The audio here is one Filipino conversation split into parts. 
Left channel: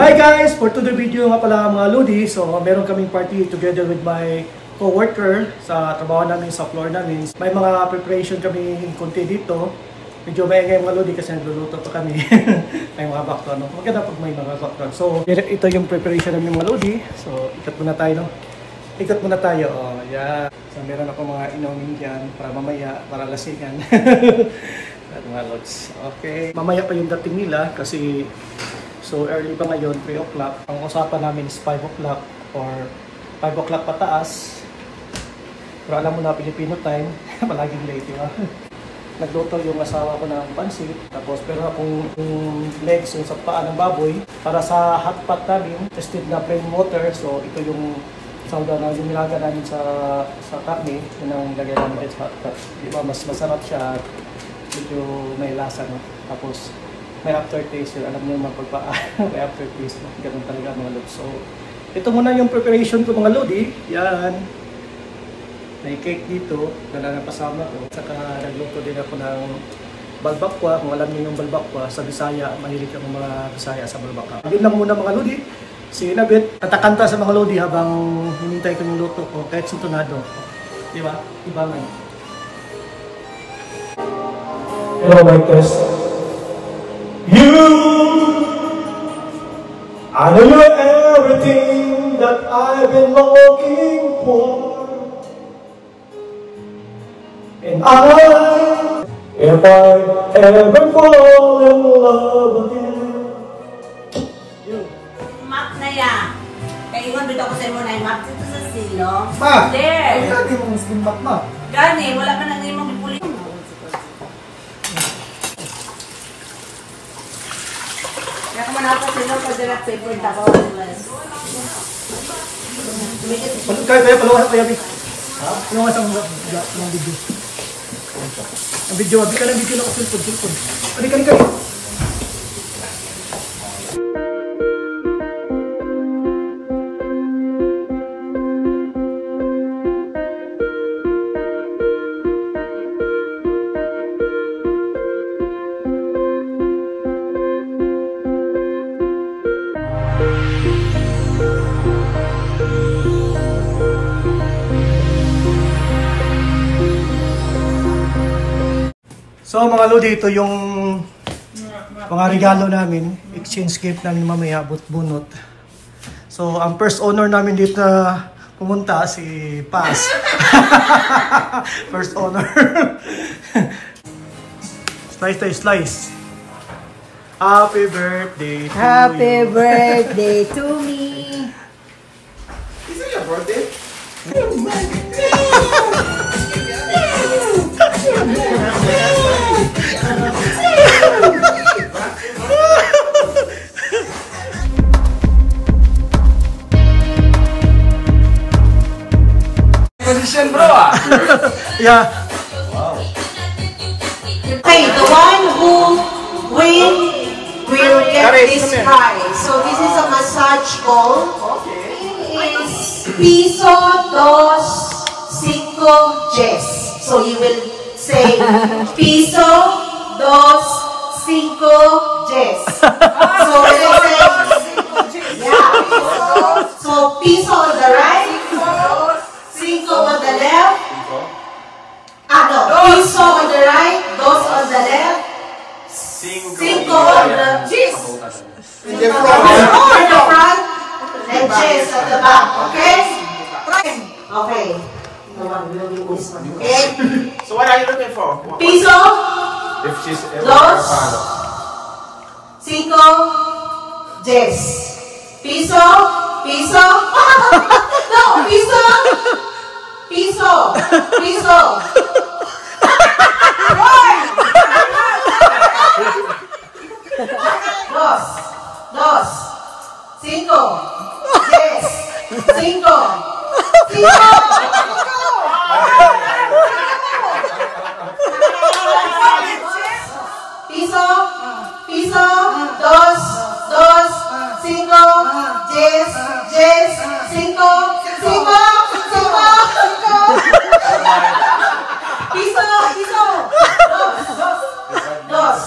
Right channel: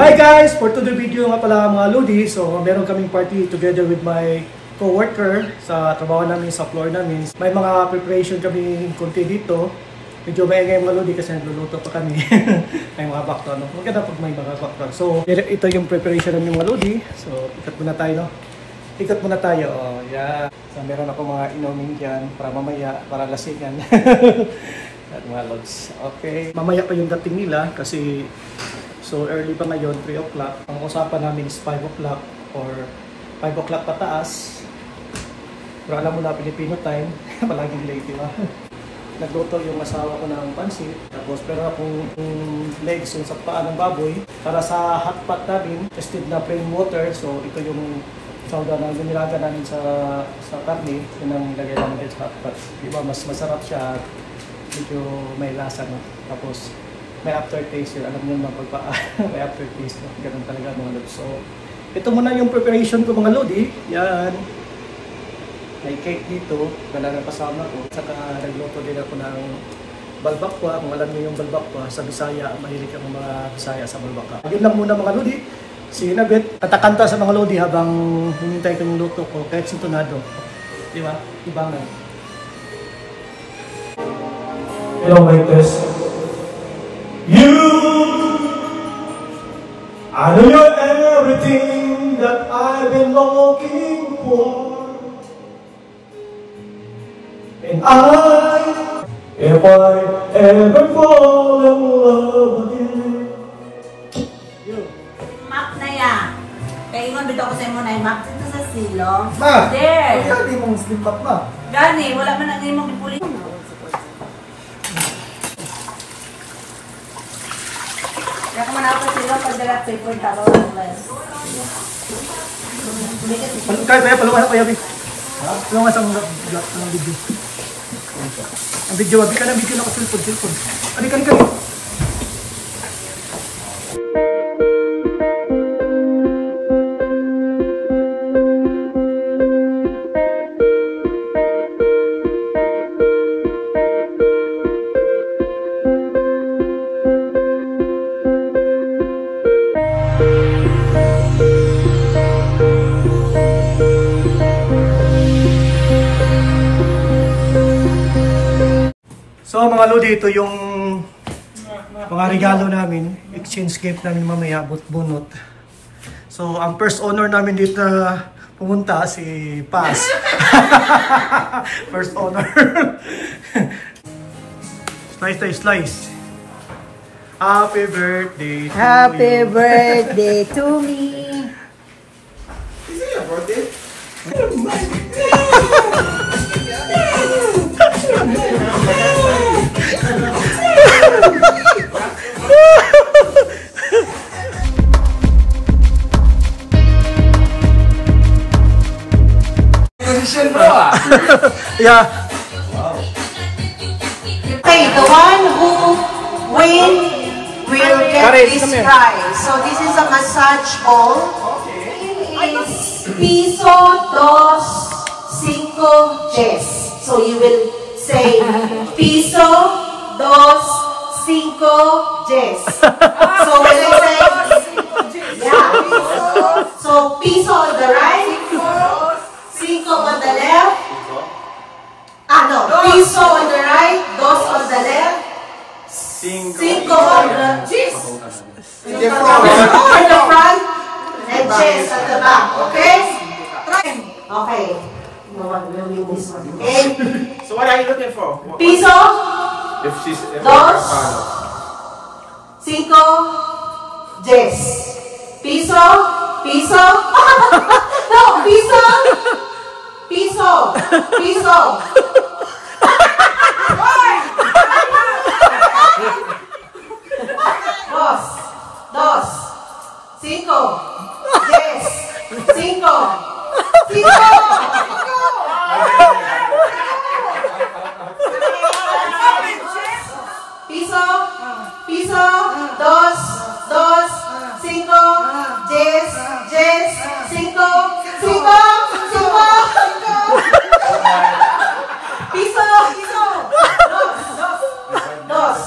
Hi guys! For today's video nga pala mga Lodi, so meron kaming party together with my co-worker sa trabaho namin, sa floor namin. May mga preparation kami konti dito. Medyo maingay mga Lodi kasi nagluluto pa kami. May mga background. Maganda pag may mga background. So ito yung preparation namin mga Lodi. So ikot muna tayo, no? Ikot muna tayo. Oh, yeah. So meron ako mga inumin dyan para mamaya, para lasingan. At mga Lods. Okay. Mamaya pa yung dating nila kasi so early pa ngayon, 3 o'clock. Ang usapan namin is 5 o'clock or 5 o'clock pataas. Pero alam mo na, Filipino time, palaging late, diba? Nagluto yung asawa ko ng pansit. Tapos pero akong legs yung sa paa ng baboy. Para sa hot pot namin, tested na plain water. So ito yung sauda na nilaga namin sa karne. Yun ang nilagay namin sa hot pot. Diba? Mas masarap siya at medyo may lasa, no? Tapos may aftertaste yun. Alam niyo naman pagpaa, may aftertaste. No? Ganun talaga mga Lodi. So, ito muna yung preparation ko mga Lodi. Yan. May cake dito. Dala ng kasama ko. Saka nagluto din ako ng balbakwa. Kung alam niyo yung balbakwa, sa Bisaya, mahilig ang mga Bisaya sa balbakwa. Yun lang muna mga Lodi. See you in a bit. Katakanta sa mga Lodi habang hinintay ko yung luto ko. Kahit sintonado. Di ba? Ibangan. Hello, my test. I know you're everything that I've been looking for, and if I ever fall in love again. Map na yan. Kaya ingon dito ako sa imo na yung map dito sa silong. Ma! There! Ay, lagi mong slim map na. Gani, wala man na mong pipuli. Kaya kung na ako silong, pagdagat sa ipon, takaw ang mas. Kaya palungan ako, Yabi. Palungan sa mga video. Ang video, Yabi ka ng video na ako, silpon. Adik. So mga Lodi, ito yung mga regalo namin, exchange gift namin mamaya, bunot. So ang first owner namin dito na pumunta, si Paz. First owner. Slice. Happy birthday to you. Happy birthday to me. Is it your birthday? Position bro. Yeah. Wow. Okay, the one who win will get this prize. So this is a massage ball. It's piso, dos, cinco, yes. So you will say piso, dos, cinco, yes. So we will say, yeah. So piso on the right, cinco on the left. No, piso on the right, dos on the left, cinco on the yes. In the front, and yes at the back. Okay? Okay. Okay. So what are you looking for? Piso, If she's dos, cinco, yes. Piso. No, piso. Dos, cinco, yes, cinco. Piso, dos, cinco, yes, cinco. Piso, dos.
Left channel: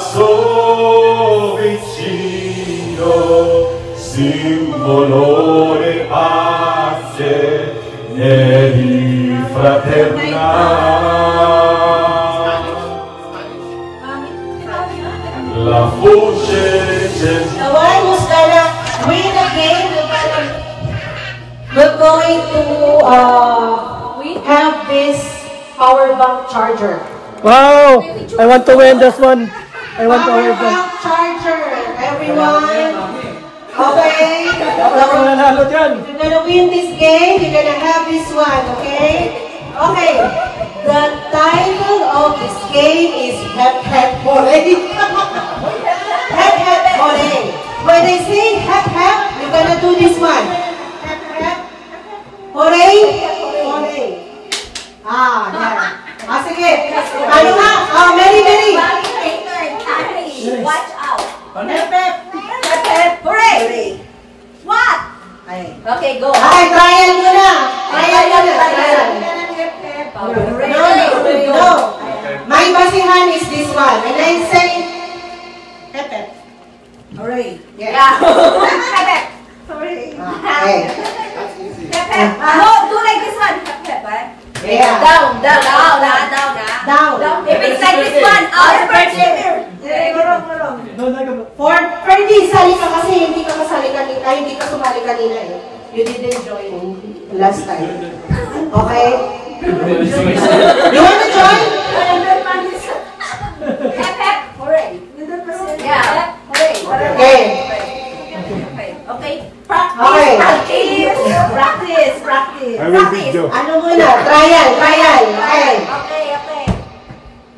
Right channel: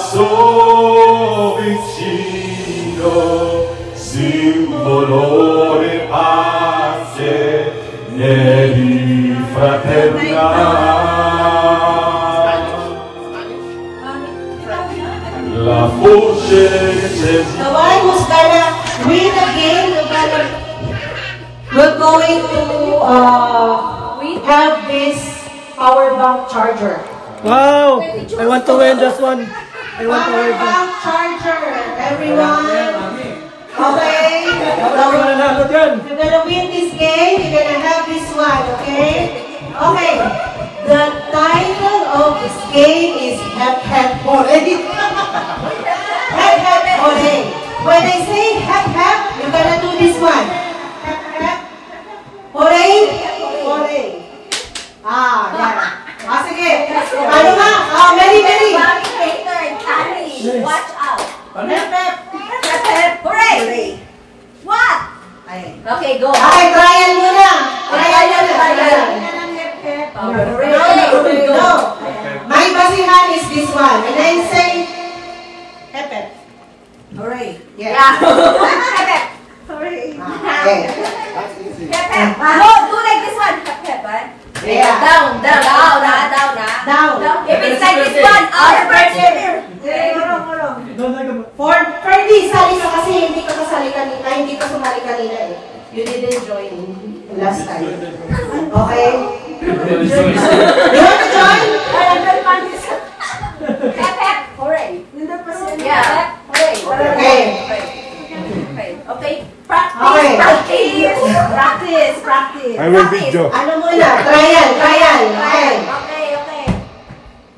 passo vicino, simbolo di pace nei fraternali. La voce The one who's gonna win the game, we're going to have this power bank charger. Wow! I want to win this one. I want to Power win this. bank charger, everyone. Okay? Nanalo dyan. You're gonna win this game, you're gonna have this one, okay? Okay. The title of this game is Hep Hep Hooray. Hep Hep Hooray. When I say Hep Hep, you're gonna do this one. Hep Hep Hooray. Hooray. Yan. Sige. Ano nga? Mary. Watch out. Hep Hep. Hep, hep, hooray! What? Okay, go. Okay, trial muna. Trial muna. No. My basihan is this one. When I say Hep Hep. Hooray. Yes. Yeah. Hep, hep. Hooray. Okay. Hep, hep. No, do like this one. Hep, hep, right? Yeah. Down. Down. If it's like this one, our birthday. For Ferdy, sali ka kasi hindi ka kasali kanina, hindi ka sumali kanina eh. You didn't join last time. Okay? You want to join? Hep, hep. Hooray. Yeah. Hep, hooray. Okay. Okay. Okay. Practice. I will video. Ano muna? Trial. Okay.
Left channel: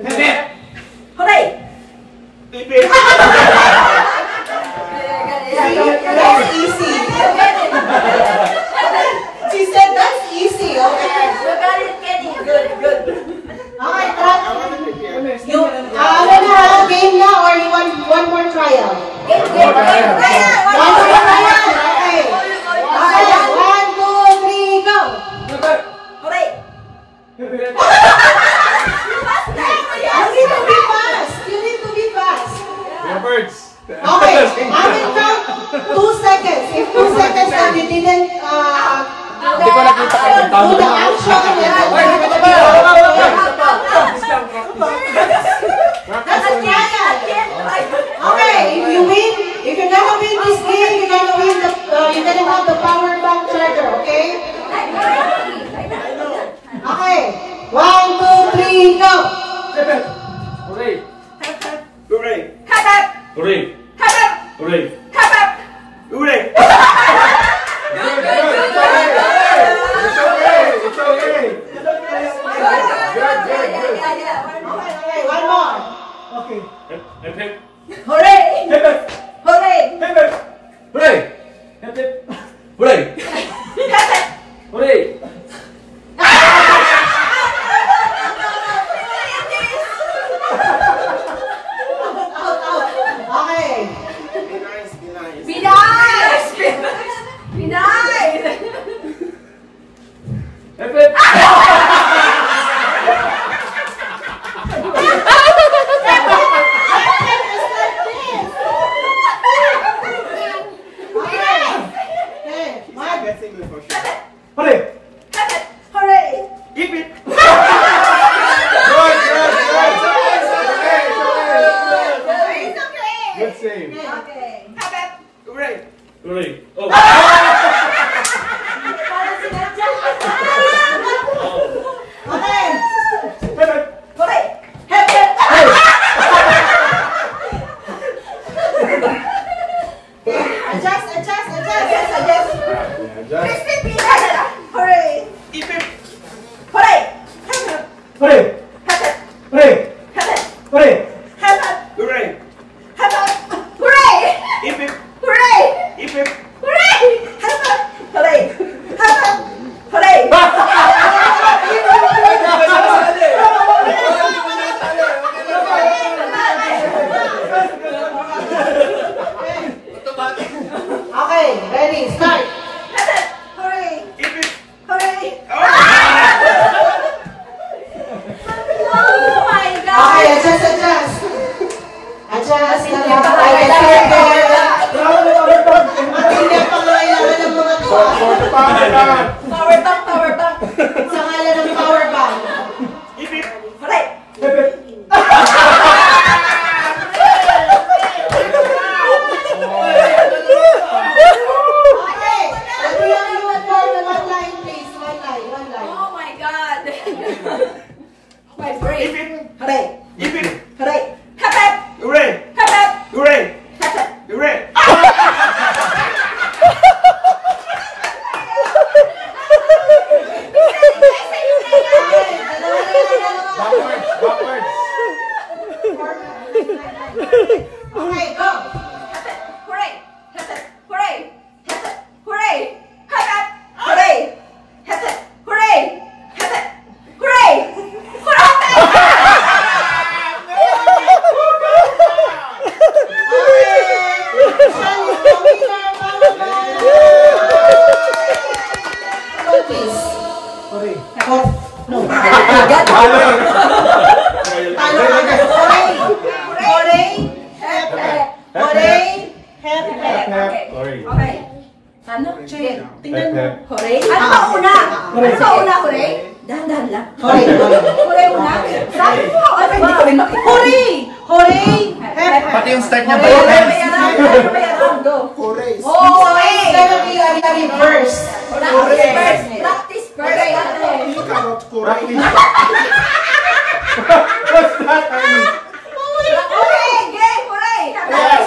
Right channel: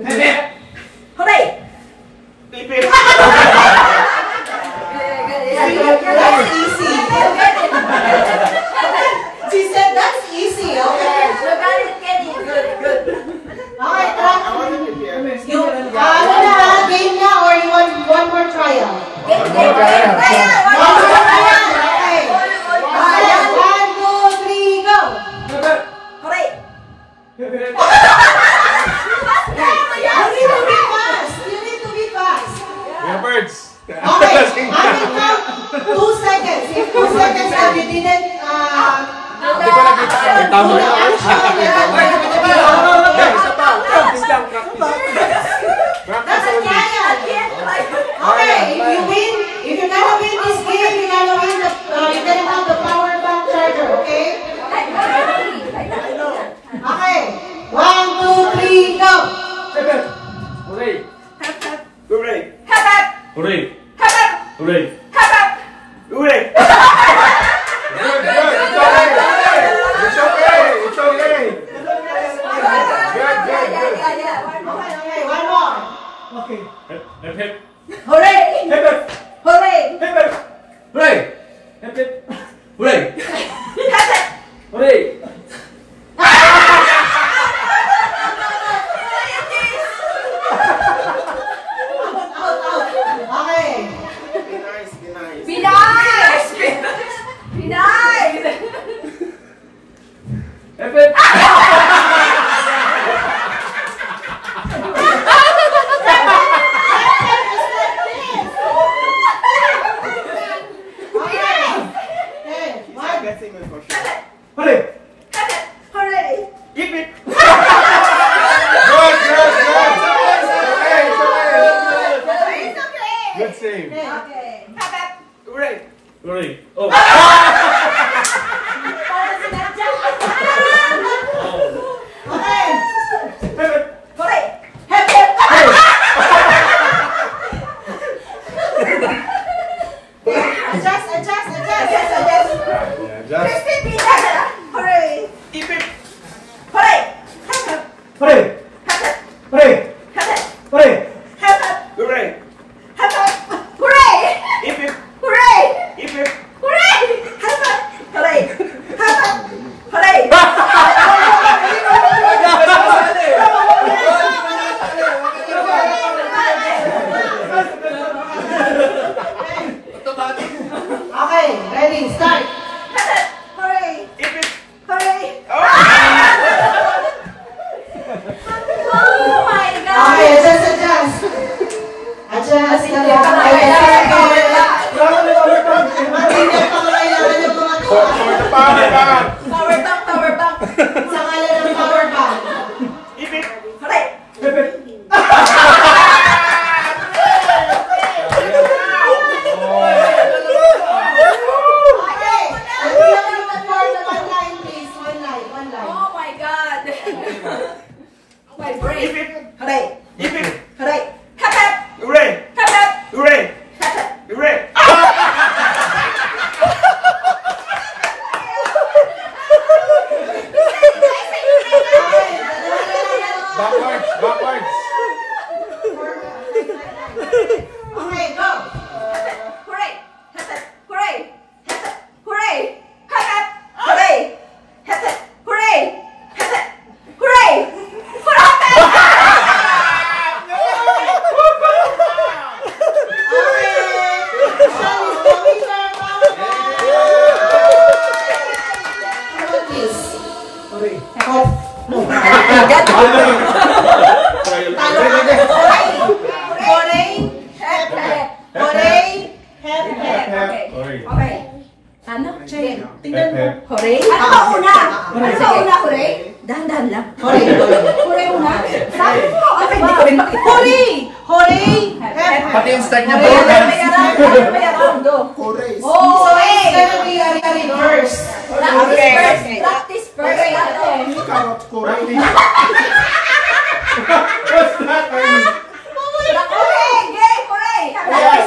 Okay. Hooray. That's easy. She said that's easy, okay? You got it, Kenny. Good. Okay, game na or you want one more trial? Game. One more trial, okay. Okay, 1, 2, 3, go! Hooray. You need to be fast. Birds. Okay, I will count 2 seconds. If 2 seconds and you didn't do the action, that's a trial. Okay, if you win, if you're gonna win this game, you're gonna have the power bank charger, okay? Okay, 1, 2, 3, go! Hooray. Hooray. Hooray! Hooray! Hooray. Okay, one more. Okay. Hep hep. Hooray. Hooray. Hooray. Hooray. Hooray. Okay. Be nice. Be nice. Okay, 1, just nakakaya matindi pa ngayon ng mga Power bank. sa ngalan ng power bank. Hooray! Okay, ang yung word na one line please, one line. Oh my God! My brain. Hooray! Hooray! Hep hep! Hooray! Hep hep! Hooray! Hep hep! Hooray! Backwards. Okay, go. Hooray! Hep hep! Hooray! Hep hep! Hooray! Hep hep! Hooray! Hep hep! Hooray! Hep hep! Hooray! Hooray! Okay. Ano? Tingnan mo. Hooray? Ano ba una? Ano ba una, hooray? Dahan-dahan lang. Hooray una? Sabi mo, ano ba? Hindi ko rin makita. Hooray! Pati yung start niya. Go. Hooray! Oh, It's gonna be a reverse. Practice first. What's that? Okay, game, hooray! Okay,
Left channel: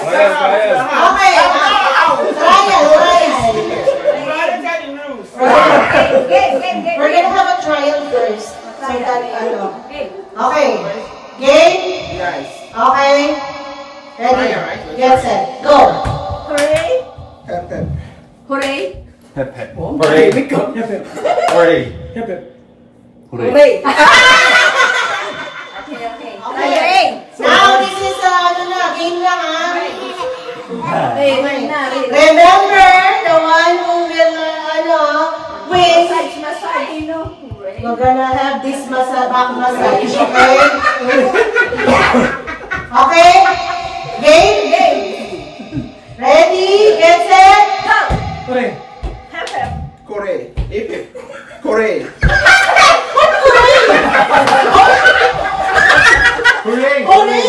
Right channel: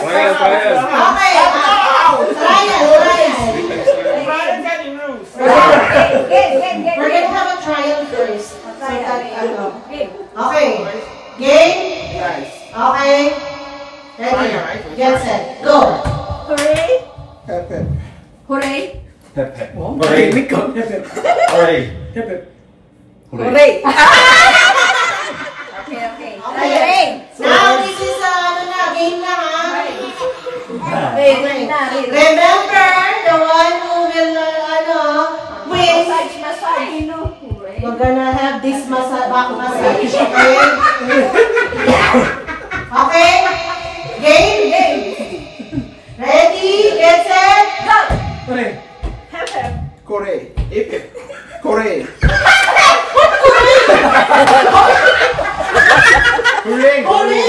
trial. We're gonna have a trial first. So that, Okay. Game? Yes. Okay. Ready? Get set. Go. Hooray! Hooray! Hooray! Hooray! Hooray! Okay. Okay. Now, this is game lang Okay. Remember, the one who will, win. We're gonna have this back massage, okay? Okay? Game? Ready? Get set? Go! Hooray! Hep hep! Hooray! Hooray! Hooray! Hooray!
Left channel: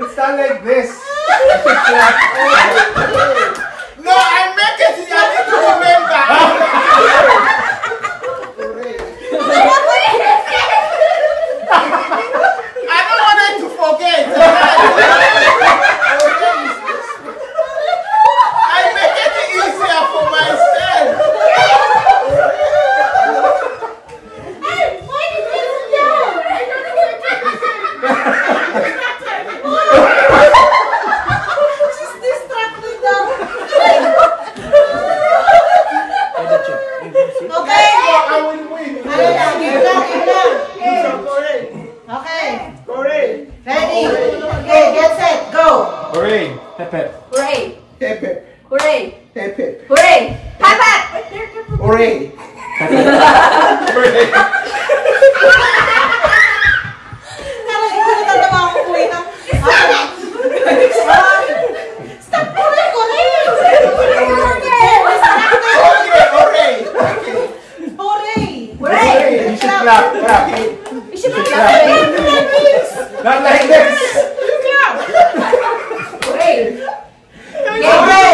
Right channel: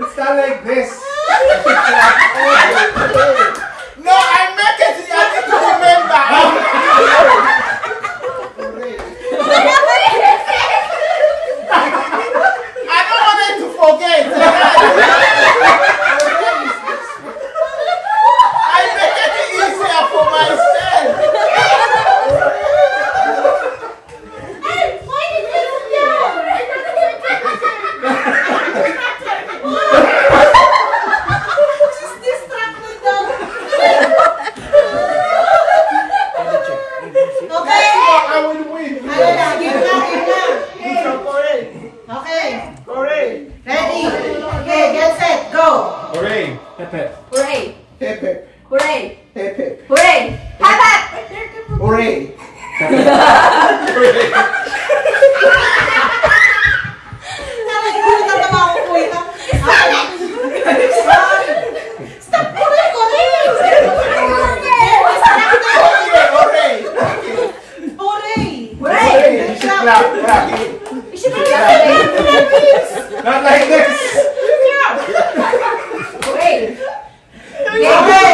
It's not like this. No, I meant it. I need to remember. I don't want them to forget. I make it easier for myself. She's distracted daw. Okay? I will win. Ano lang? Game lang. Okay. Hooray! Ready? Okay, get set. Go. Hooray! Hooray! Hip hip. Hooray! Hip hip. Hooray! Hep hep! Hooray! Natatawa ako po ito. Stop! Correct! Hooray! Hooray! Hooray! You should clap. You should be clapping. Not like this. Hooray! Okay!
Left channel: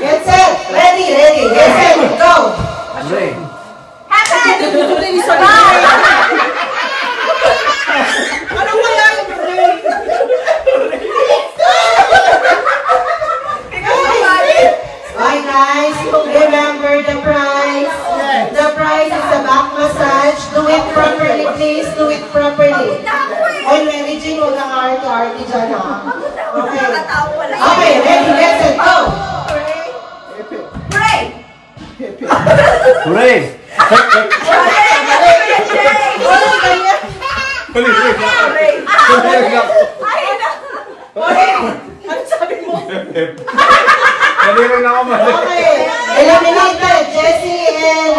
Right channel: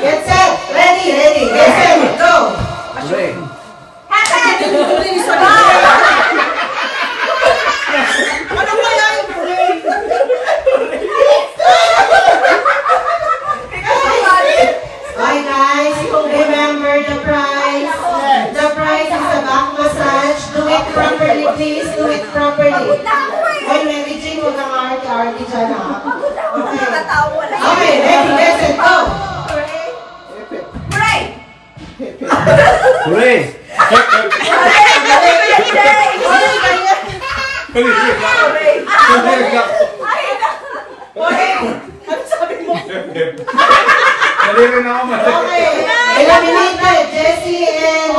Get set! Ready! Get set! Go! Hooray! Hep hep! Ano kaya yung hooray? Okay guys, remember the prize. The prize is a back massage. Do it properly, please. Do it properly. Ay, Mary Jean, huwag kang arte-arte dyan ha. Okay. Okay, ready, get set, go! Hooray! Hooray! Hooray! Hooray kanya. Hooray! Ano sabi mo? Nalimutan na ako man. Okay. Eliminated. Jessie and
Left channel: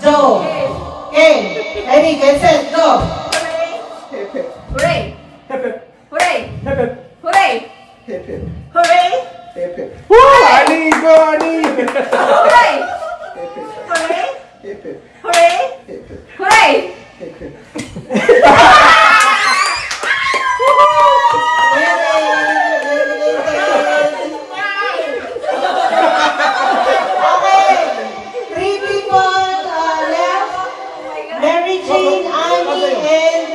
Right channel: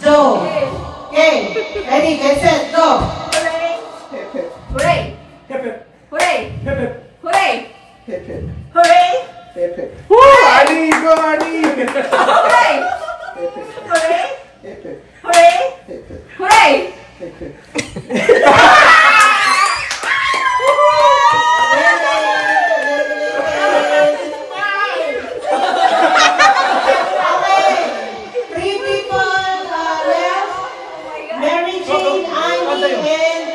Joe. Okay. Ready, get set, go. Hooray! Hooray! Hooray! Pepe. Hooray! Pepe. Woo! Ani, go, Ani! Hooray! Pepe. Hooray! Pepe. Hooray! Pepe. Hooray! Pepe. Three people left. Mary Jane, Ivy, and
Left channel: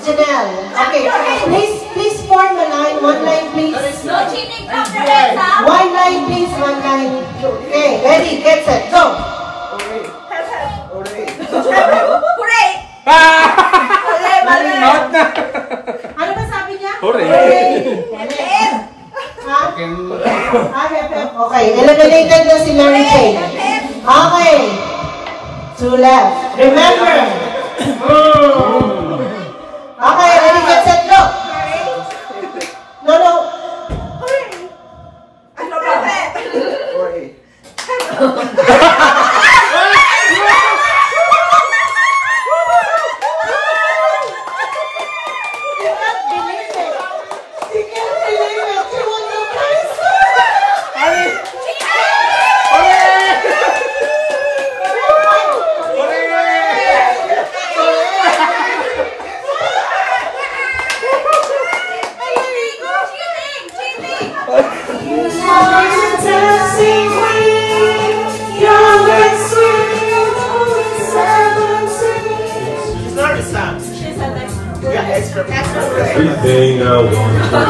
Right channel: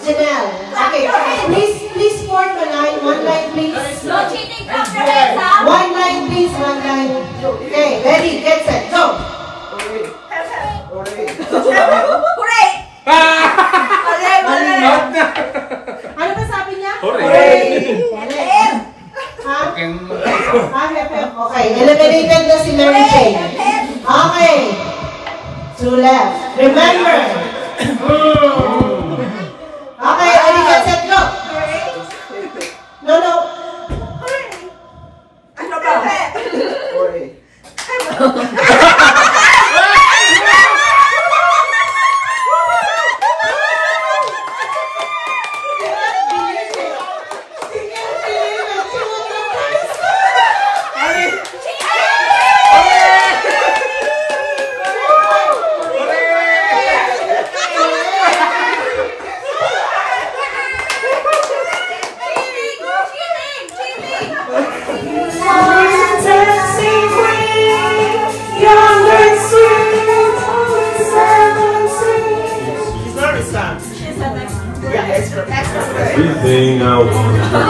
Janelle. Okay, please form a line. One line, please. No cheating from the head, ha? One line, please. One line. Okay, ready, get set, go. Hooray. Hooray. Hooray! Hooray! Out na! Ano ba sabi niya? Hooray! Ha? Okay, eliminated na si Mary Jane. Okay. Two left. Remember. Okay, ready, get set, go. No. Hooray. Everything I want to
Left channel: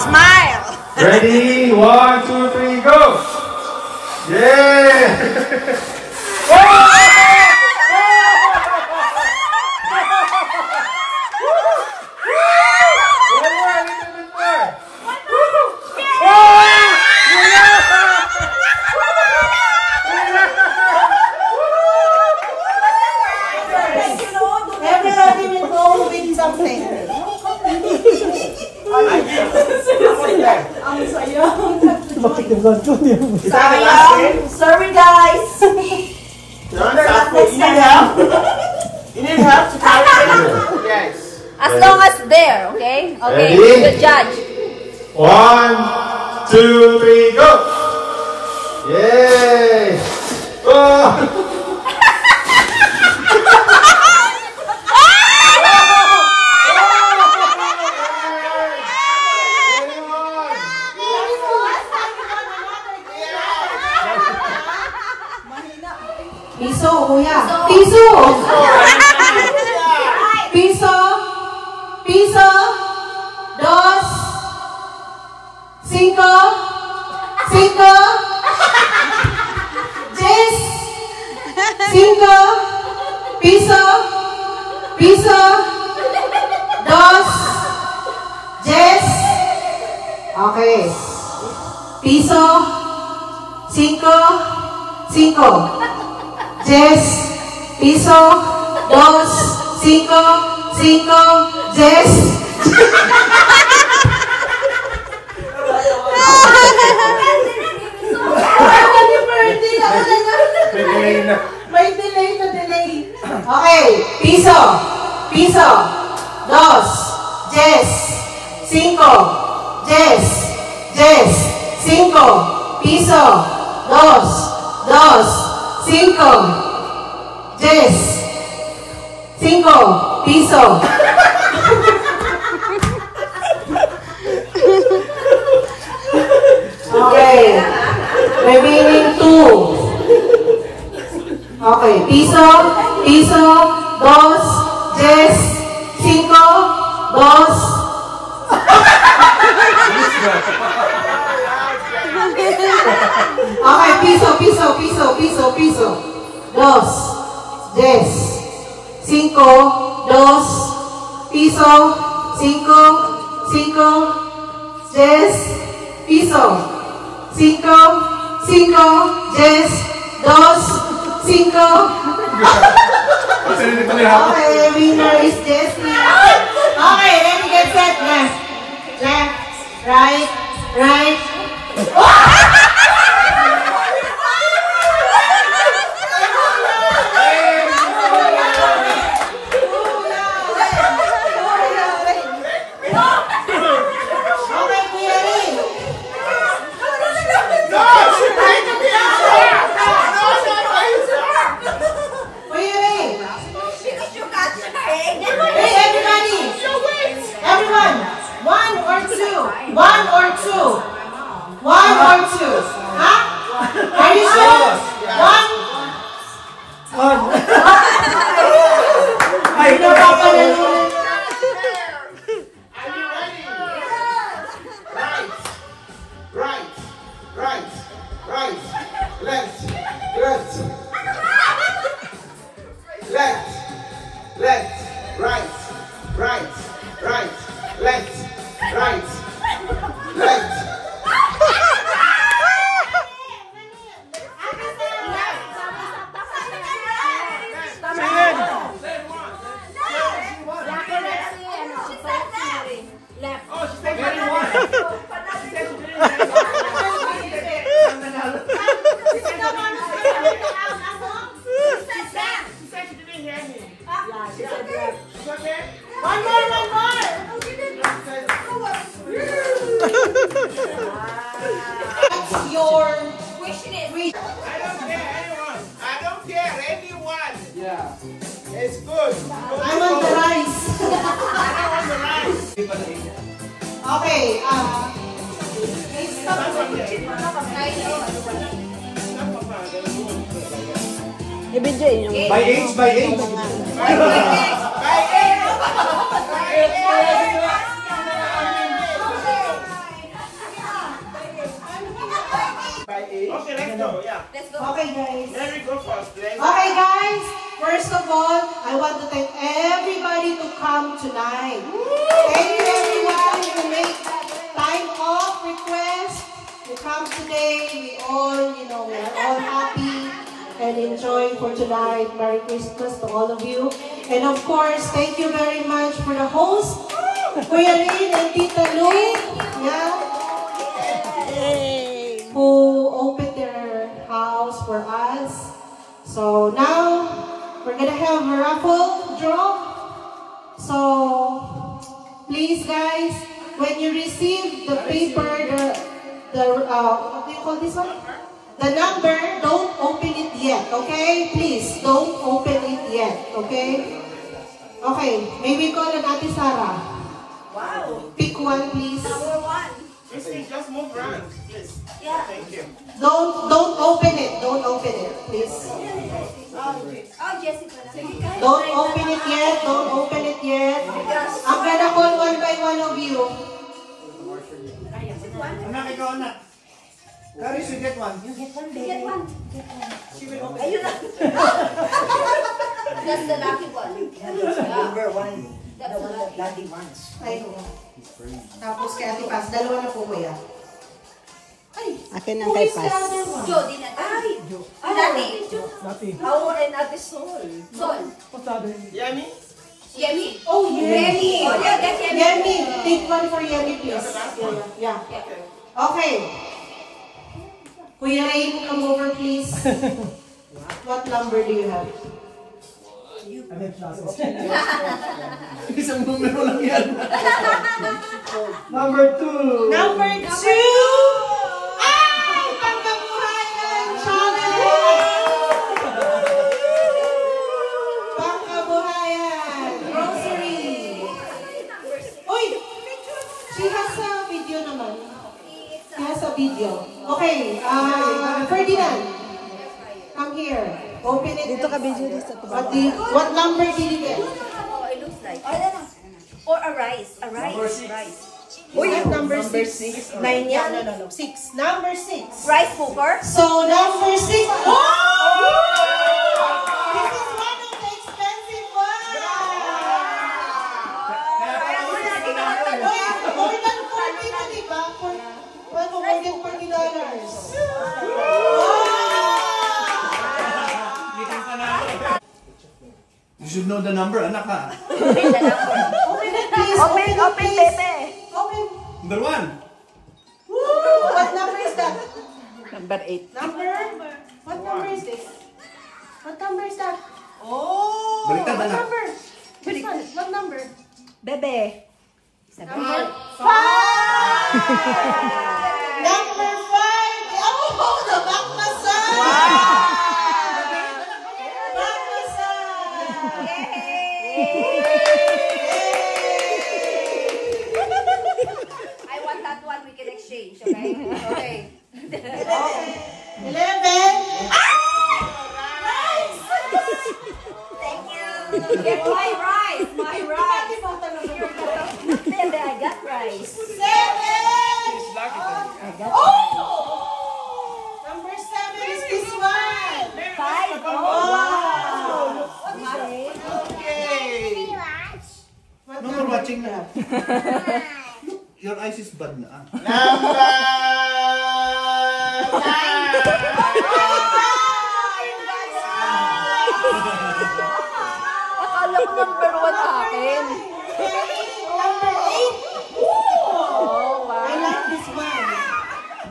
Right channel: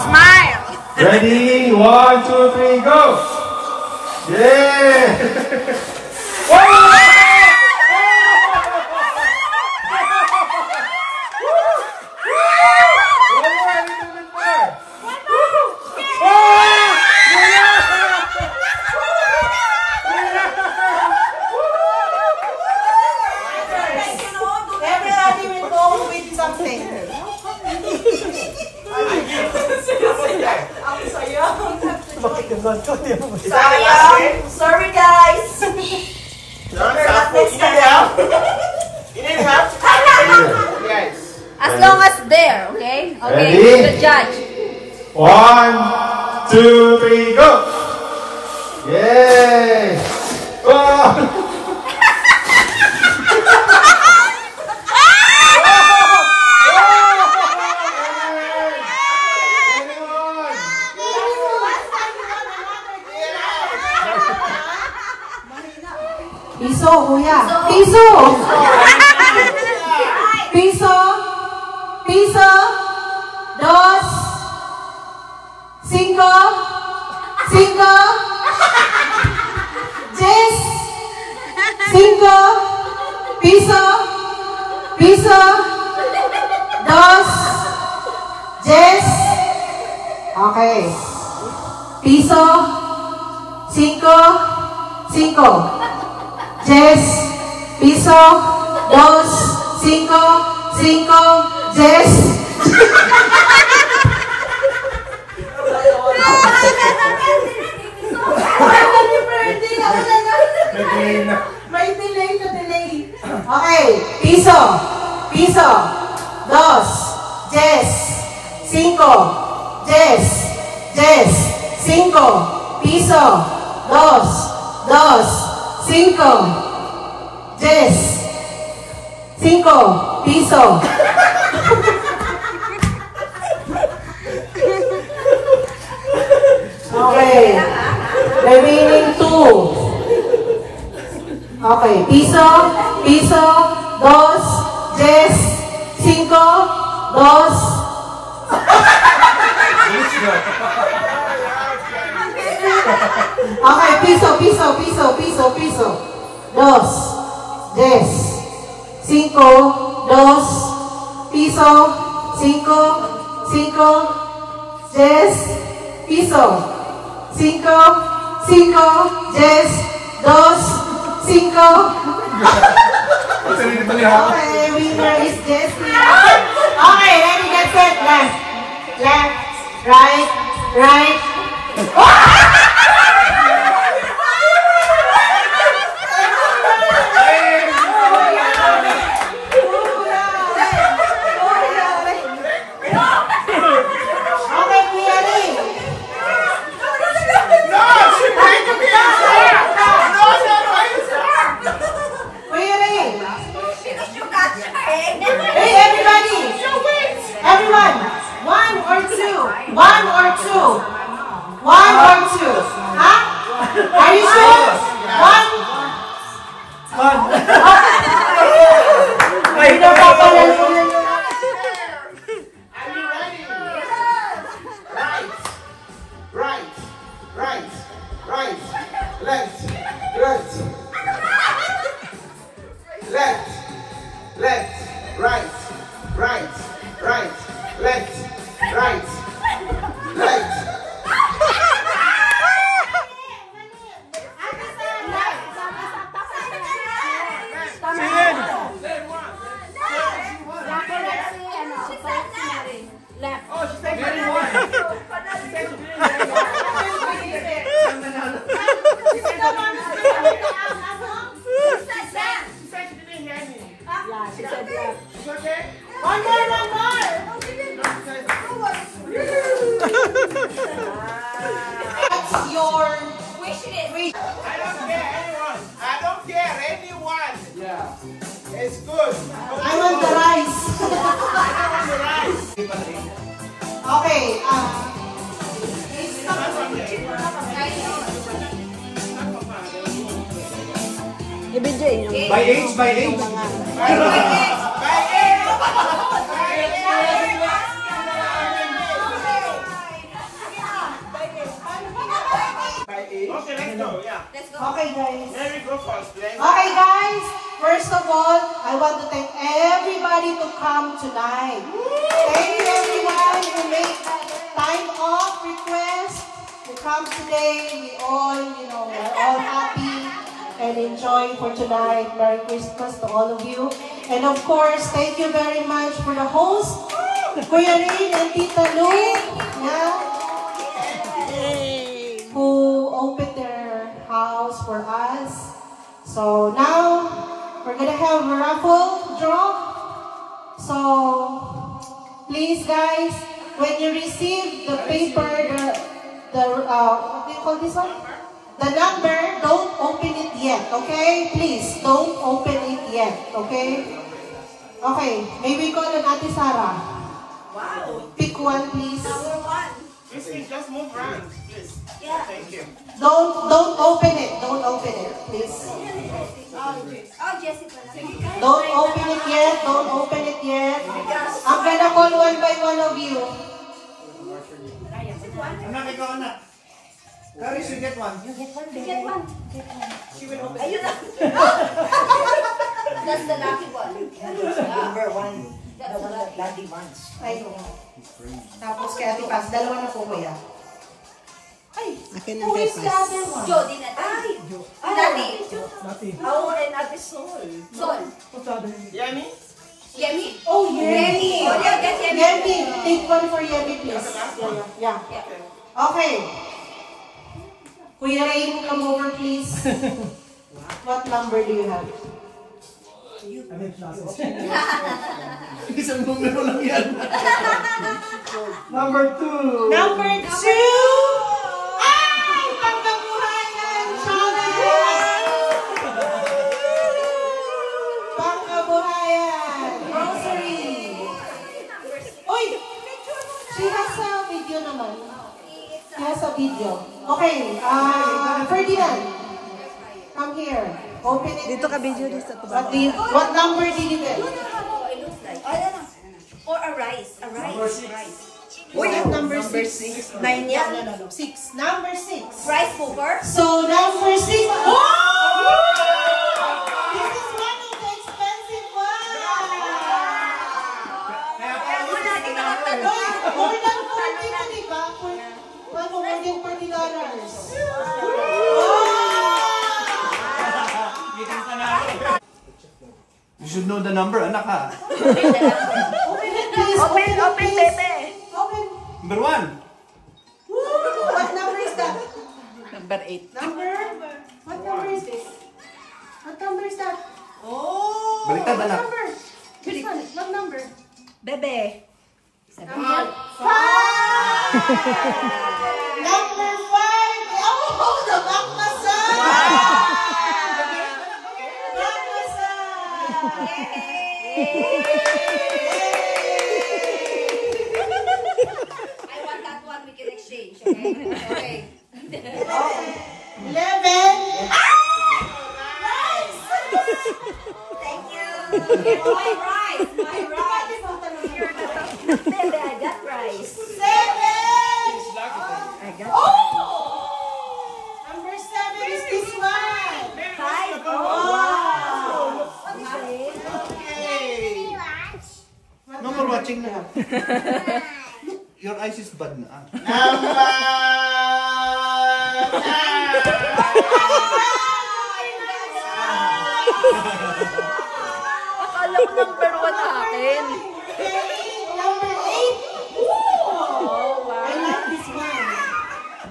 Smile! Ready? 1, 2, 3, go! Yeah! Everybody will go with something. Ang sayang. Sayang! Sorry, guys! You need help to carry. Yes. As long as there, okay? Okay, Ready? the judge. 1, 2, 3, go! Yay! Oh! Piso, kuya. Piso! Piso. Piso. 2, 5. 5. 10. 5. Piso. Piso. 2. 10. Okay. Piso. 5. 5. 10, piso, 2, 5, 5, 10. May delay na delay. Okay, piso, piso, 2, 10, 5, 10, 10, 5, piso, 2, 2, 5, 10, 5, piso. Okay. Remaining 2. Okay. Piso, piso, 2, 10, 5, 2. Okay, piso, piso, piso, piso, piso. 2, 10, 5, 2, piso, 5, 5, 10, piso, 5, 5, 10, 2, 5. Okay, winner is Jessie. Okay, ready, get set. Left, left, right, right. Okay, Kuya Ring. No, she made me stop. No, Kuya Ring. Hey, everybody. Everyone. One or two. One or two. One or two. Huh? Are you sure? One. Ay, ito pa pa. Are you ready? Right, right, right, left, left, left, left, right, right, right, left, right, left. One more, one more. What's your wish list? I don't care anyone. Yeah. It's good. I want the rice. Okay, By age, by age. Okay, let's go. Yeah. okay guys. Let me go first. Okay guys, first of all, I want to thank everybody to come tonight. Thank you everyone who made time off request to come today. We all, we're all happy and enjoy for tonight. Merry Christmas to all of you. And of course, thank you very much for the host, Kuya Rin and Tita Lou, who opened their house for us. So now, we're gonna have a raffle draw. So, please guys, when you receive the paper, what do you call this one? The number, don't open it yet, okay? Please, don't open it yet, okay? Okay, maybe call on Ate Sarah. Wow. Pick one, please. Number one. Just move around, please. Yeah. Thank you. Don't open it. Don't open it, please. Oh, Jessica. Don't open it yet. Don't open it yet. I'm gonna call one by one of you. Anak, ikaw anak. Caris, you get one. Get one. Ayun na. That's the lucky one. Number one. That's the lucky. Lucky ones. Ay. Tapos kay Ate Paz, dalawa na po kuya. Ay, Akin who is the other one? Jody na. Ay. Dati. Dati. Ako and Ate Sol. Sol. What's the other? Yummy? Yemi. Oh, Yemi. Oh, yeah, that's Yemi. Yemi. Take one for Yemi, please. Yeah. Okay. Kuya Rain, come over, please. What number do you have? Isang numero lang yan. Number 2. Number 2! Ay! Pangkabuhayan! Challenge! Pangkabuhayan! Grocery! Uy! She has a video naman. She has a video. Okay, Ferdinand. Come here. Open it. Dito ka video dito sa What number did you get? Oh, it looks like. I don't know. Or a rice. A rice. Number 6. Rice. Uy, number 6. 9 yan? No. 6. Number 6. Rice cooker. So, number 6. Oh! This is one of the expensive ones. More than 40 na, diba? More than $40. Wow! the number, anak ha. Open it, please. Open it, please. Open. Number 1. Woo! What number is that? Number 8. Number? What number is this? What number is that? Oh! Baliktad, What anak. number? This one. What number? Bebe. Number 5! Number 5! Oh, the back massage! Back massage! I want that one. We can exchange. Okay. Okay. 11! Thank you. My rice. My rice. Bebe, I got rice. 7! Oh! Number 7 is this one! 5. Wow! Okay. No more watching na. Your eyes is bad na. Akala ko number 1 akin. Number 8! Ooh! I like this one.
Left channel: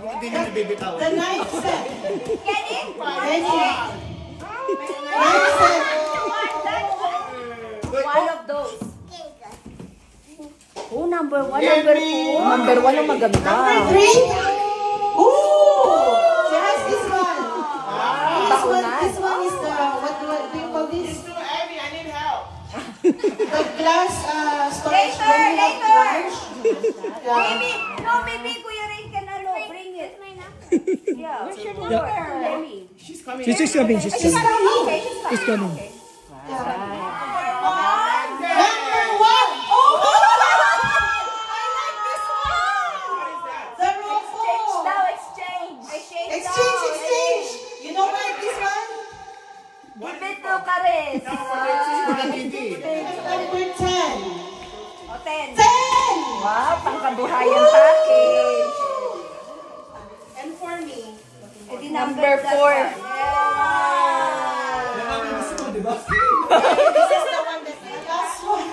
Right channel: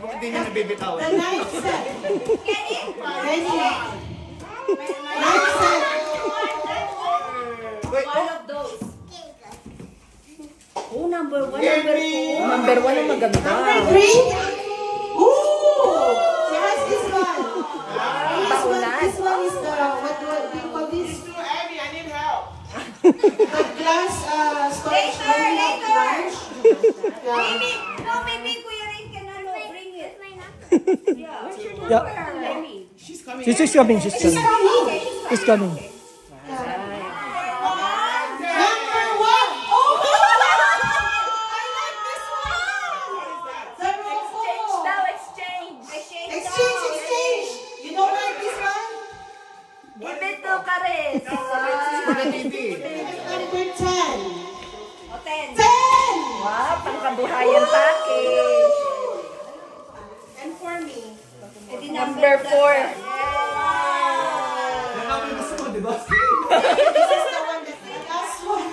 Hindi niya nabibitaw. The knife set. Ready? Knife set. One of those. Oh, number 1, number 2. Number 1 ang maganda. Number 3? Ooh! She has this one. This one is the, what do you call this? Too heavy, I need help. The glass storage. When you have lunch. Maybe, no, maybe Kuya Ray can bring it. Yeah. Where's your number? Maybe. She's coming. She's coming. She's She's coming. coming. She's coming. Number 1. Oh! I like this one. The Rofo. Now exchange. Exchange. You don't like this one? Give it to Karen. Number 10. O, 10. 10! Wow, pangkabuhayan package. And for me. Number 4. This is the one that the last one.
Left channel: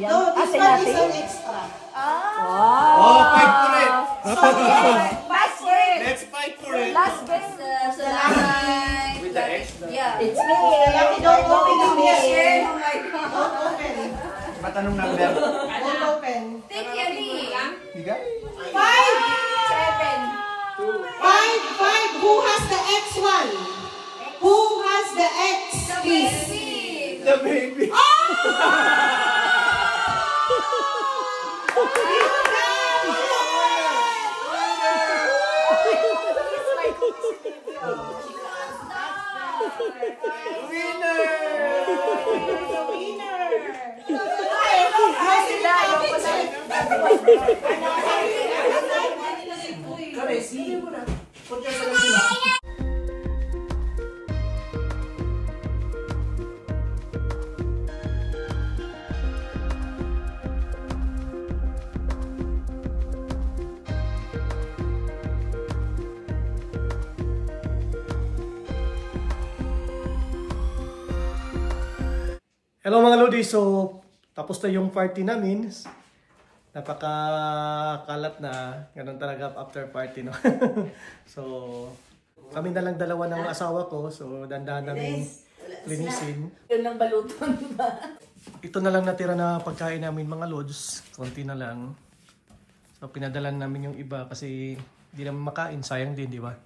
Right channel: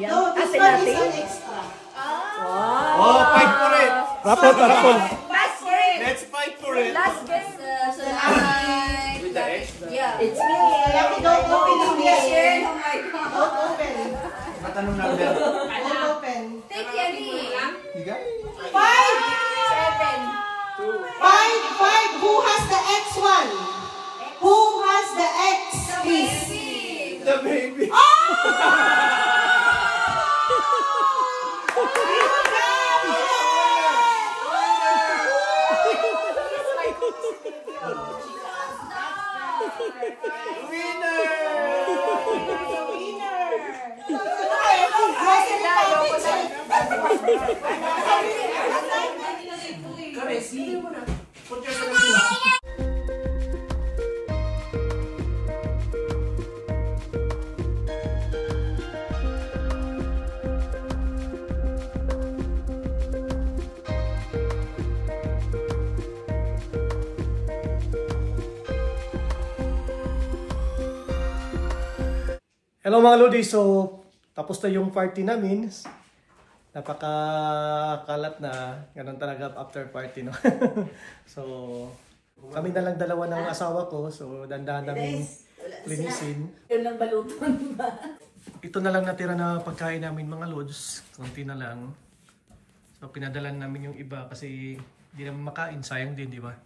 No, this one is an extra. Oh, fight for it. Pass for it. Let's fight for it. Last best. So last With the extra. Yeah. It's me. Lucky, don't open it yet. Oh my God. Don't open. Matanong number. Don't open. Take Yami. You got it? 5! 7. 5! Who has the X1? Who has the X? Please. The baby. Hello mga Lodi, so tapos na yung party namin. Napakakalat na, ganun talaga after party, no? So kami na lang dalawa ng asawa ko, so dandahan namin linisin. Yun ang baluton ba? Ito na lang natira na pagkain namin mga Lods, konti na lang. So pinadalan namin yung iba kasi hindi naman makain, sayang din, di ba?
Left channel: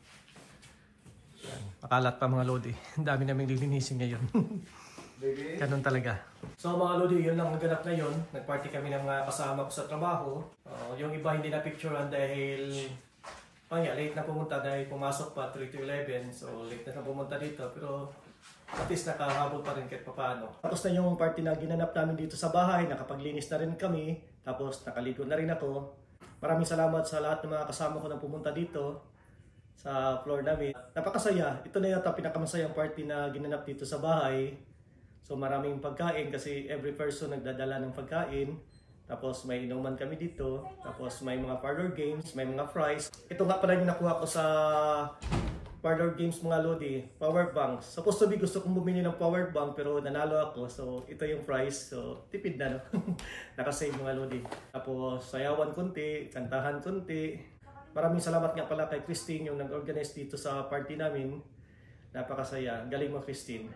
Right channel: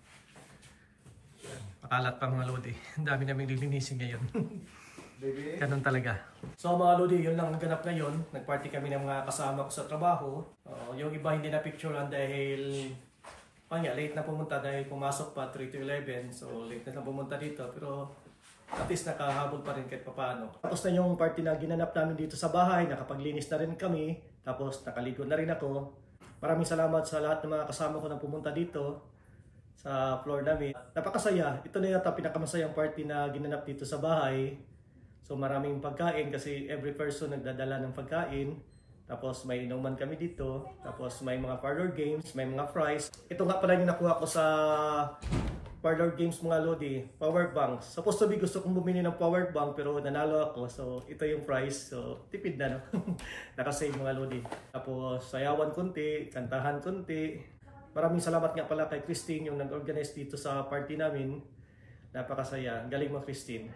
Makalat pa mga Lodi, dami namin lilinisin ngayon. Ganun talaga. So mga Lodi, yun lang ang ganap ngayon. Nagparty kami ng mga kasama ko sa trabaho. Yung iba hindi na picturean dahil late na pumunta dahil pumasok pa 3 to 11. So late na pumunta dito pero at least nakahabol pa rin kahit papaano. Tapos na yung party na ginanap namin dito sa bahay. Nakapaglinis na rin kami. Tapos nakaligo na rin ako. Maraming salamat sa lahat ng mga kasama ko na pumunta dito sa floor namin. Napakasaya. Ito na yata pinakamasayang party na ginanap dito sa bahay. So maraming pagkain kasi every person nagdadala ng pagkain. Tapos may inuman kami dito. Tapos may mga parlor games, may mga fries. Ito nga pala yung nakuha ko sa parlor games mga lodi, power bank. Supposed to be gusto kong bumili ng power bank pero nanalo ako. So ito yung price. So tipid na no. Nakasave mga lodi. Tapos sayawan konti, kantahan konti. Maraming salamat nga pala kay Christine yung nag-organize dito sa party namin. Napakasaya. Galing mo Christine.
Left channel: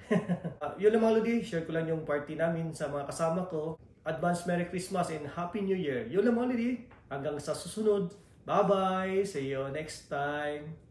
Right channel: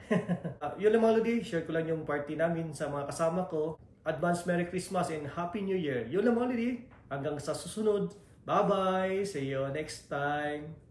Yun lang mga lodi, share ko lang yung party namin sa mga kasama ko. Advance Merry Christmas and Happy New Year. Yun lang mga lodi. Hanggang sa susunod. Bye-bye! See you next time!